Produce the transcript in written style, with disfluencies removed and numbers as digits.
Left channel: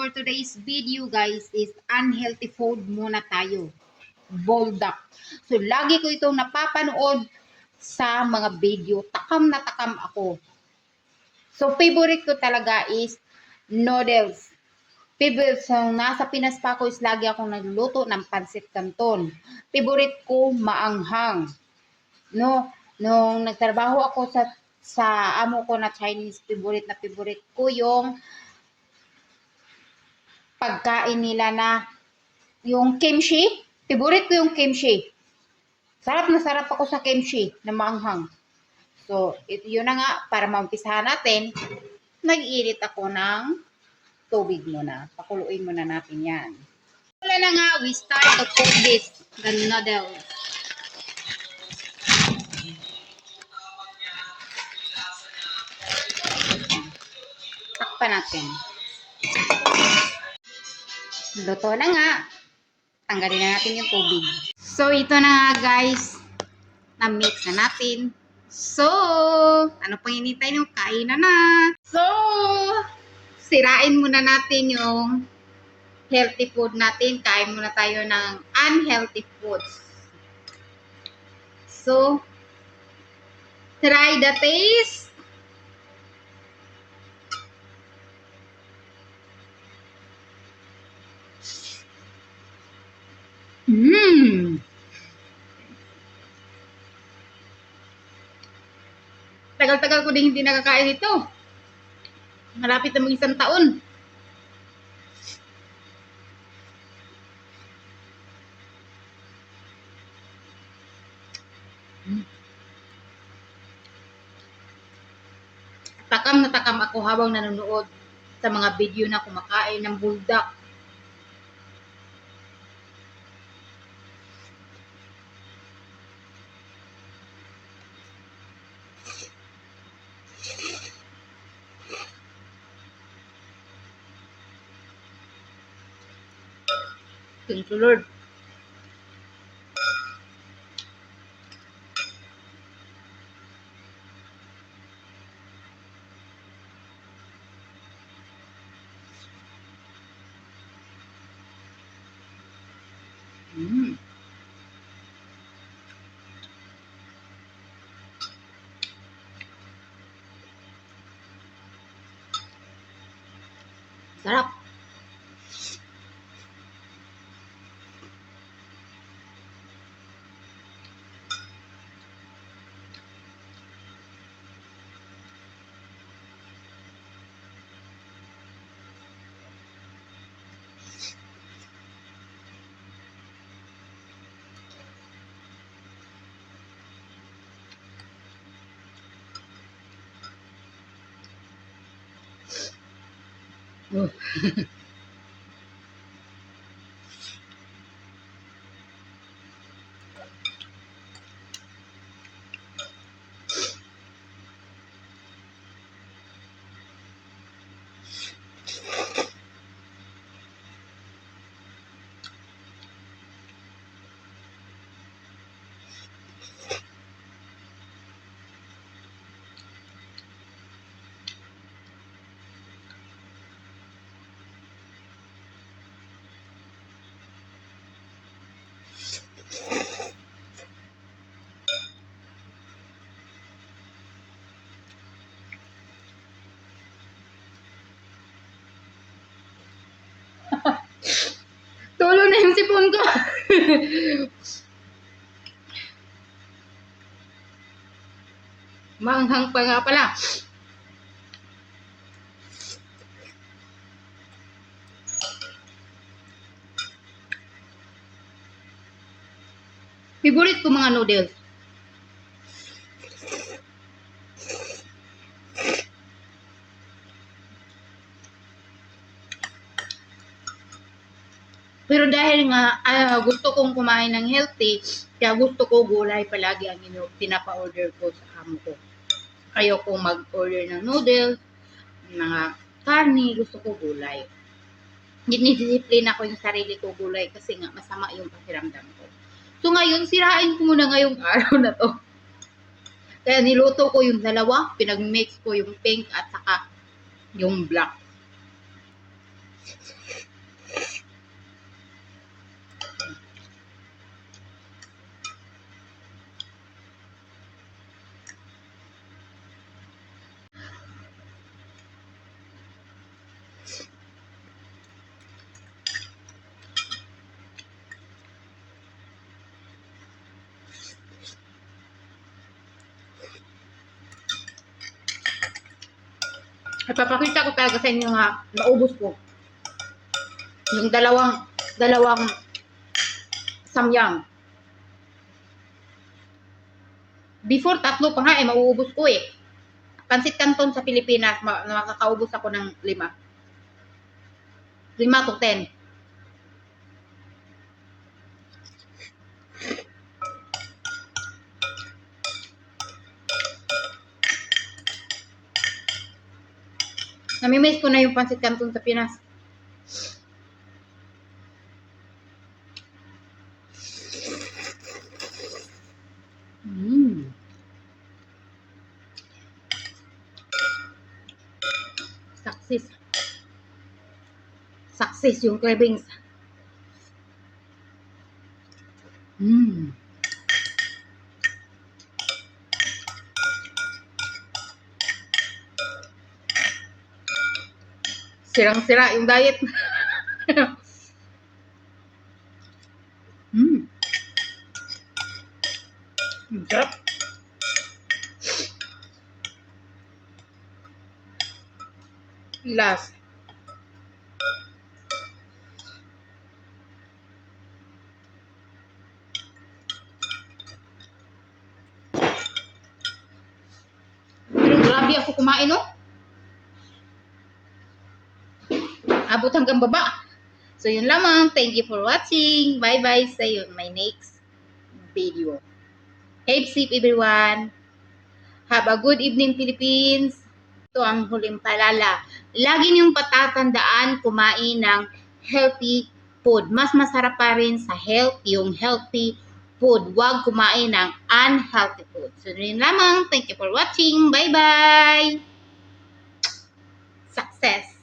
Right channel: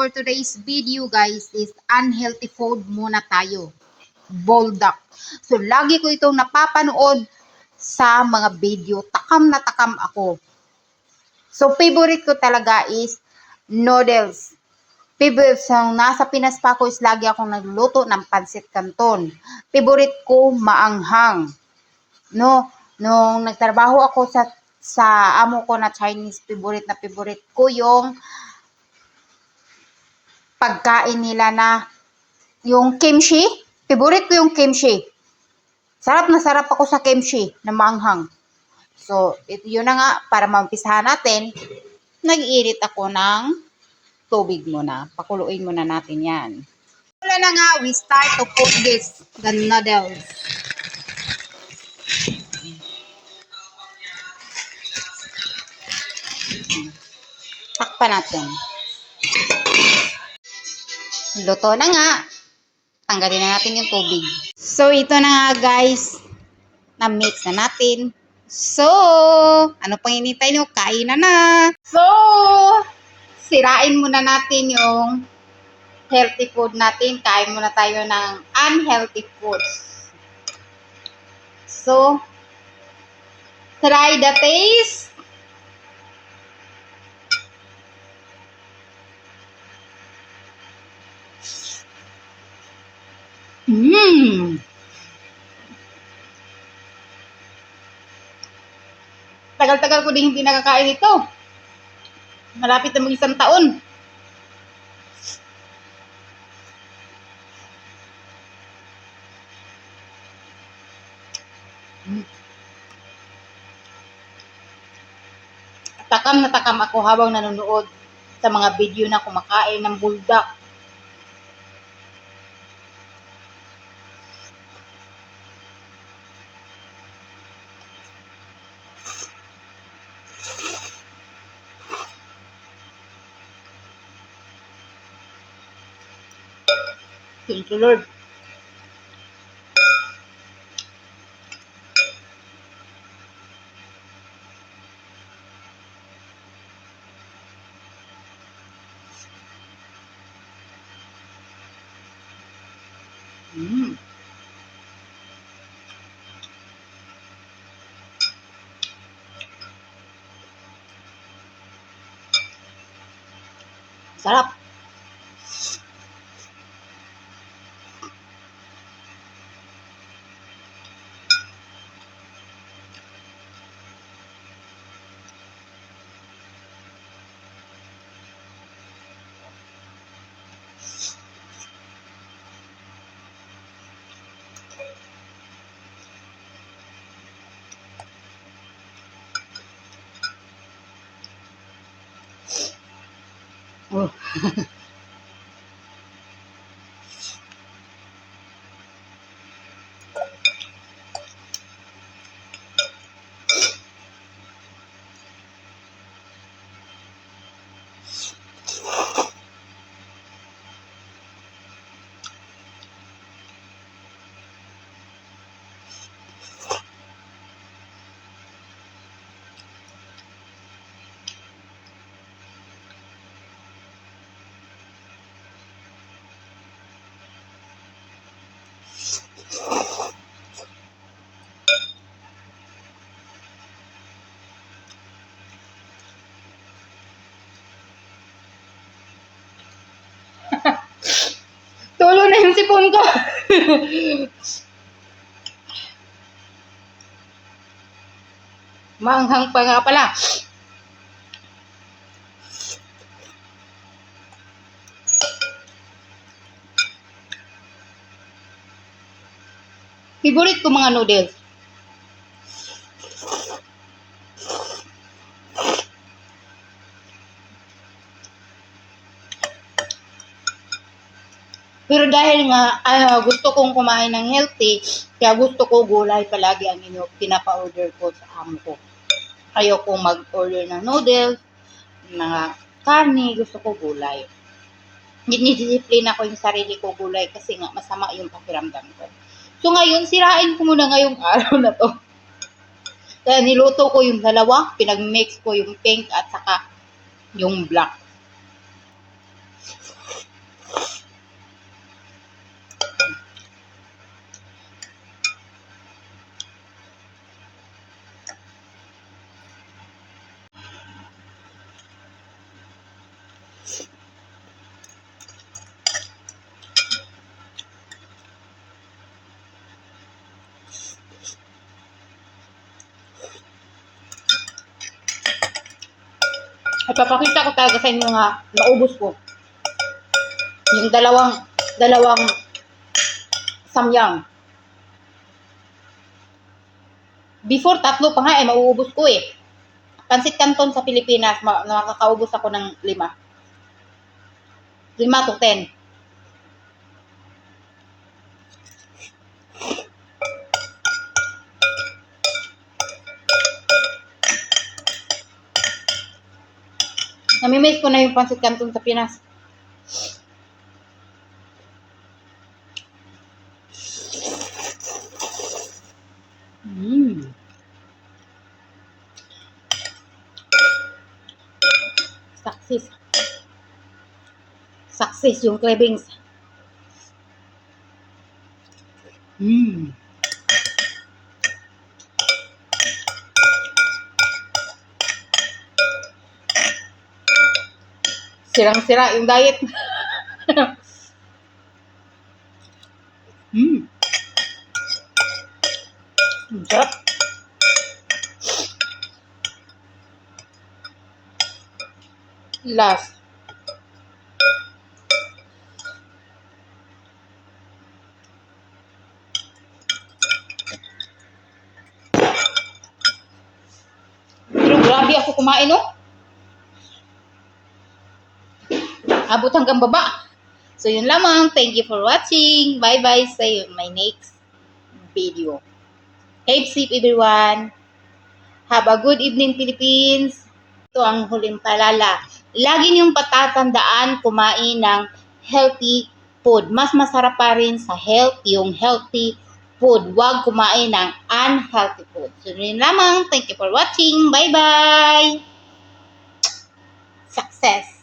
for today's video guys is unhealthy food muna tayo. Buldak. So lagi ko itong napapanood sa mga video. Takam na takam ako. So favorite ko talaga is noodles. Favorite sa nasa Pinas pa ako is lagi akong nagluluto ng pancit canton. Favorite ko maanghang. No, nung nagtrabaho ako sa amo ko na Chinese, favorite ko yung pagkain nila na yung kimchi. Favorite ko yung kimchi. Sarap na sarap ako sa kimchi na maanghang. So, yun na nga, para maumpisahan natin, nag-iinit ako ng tubig muna. Pakuluin muna natin yan. Wala na nga, we start to cook this, the noodles. Takpan natin. Luto na nga. Tanggalin na natin yung tubig. So, ito na nga guys. Na-mix na natin. So, ano pang hinintay nyo? Kain na. So, sirain muna natin yung healthy food natin. Kain muna tayo ng unhealthy foods. So, try the taste. Tagal-tagal ko din hindi nakakain ito. Malapit na mag-isang taon. Takam na takam ako habang nanonood sa mga video na kumakain ng buldak. Thank you, Lord. Sarap. Oh. Tulo na yung sipon ko. Maanghang pa nga pala. Favorite ko mga noodles. Pero dahil nga gusto kong kumain ng healthy, kaya gusto ko gulay palagi ang pinapa-order ko sa amo ko. Ayoko mag-order ng noodles, mga karne, gusto ko gulay. Dinidisiplina ko yung sarili ko gulay kasi nga masama yung pakiramdam ko. So ngayon, sirain ko muna ngayong araw na to. Kaya niluto ko yung dalawa, pinag-mix ko yung pink at saka yung black. At papakita ko talaga sa inyo nga naubos ko. Yung dalawang samyang. Before, 3 pa nga mauubos ko eh. Pansit Canton sa Pilipinas, makakaubos ako ng 5. 5 to 10. Namimiss ko na yung Pansit Canton sa Pinas. Success yung cravings. Sirang-sira yung diet. Sarap. Last. Pero grabe ako kumain, no? Abot hanggang baba. So, yun lamang. Thank you for watching. Bye-bye. See you in my next video. Keep safe, everyone. Have a good evening, Philippines. Ito ang huling paalala. Lagi niyong patatandaan kumain ng healthy food. Mas masarap pa rin sa health yung healthy food. Huwag kumain ng unhealthy food. So, yun lamang. Thank you for watching. Bye-bye. Success.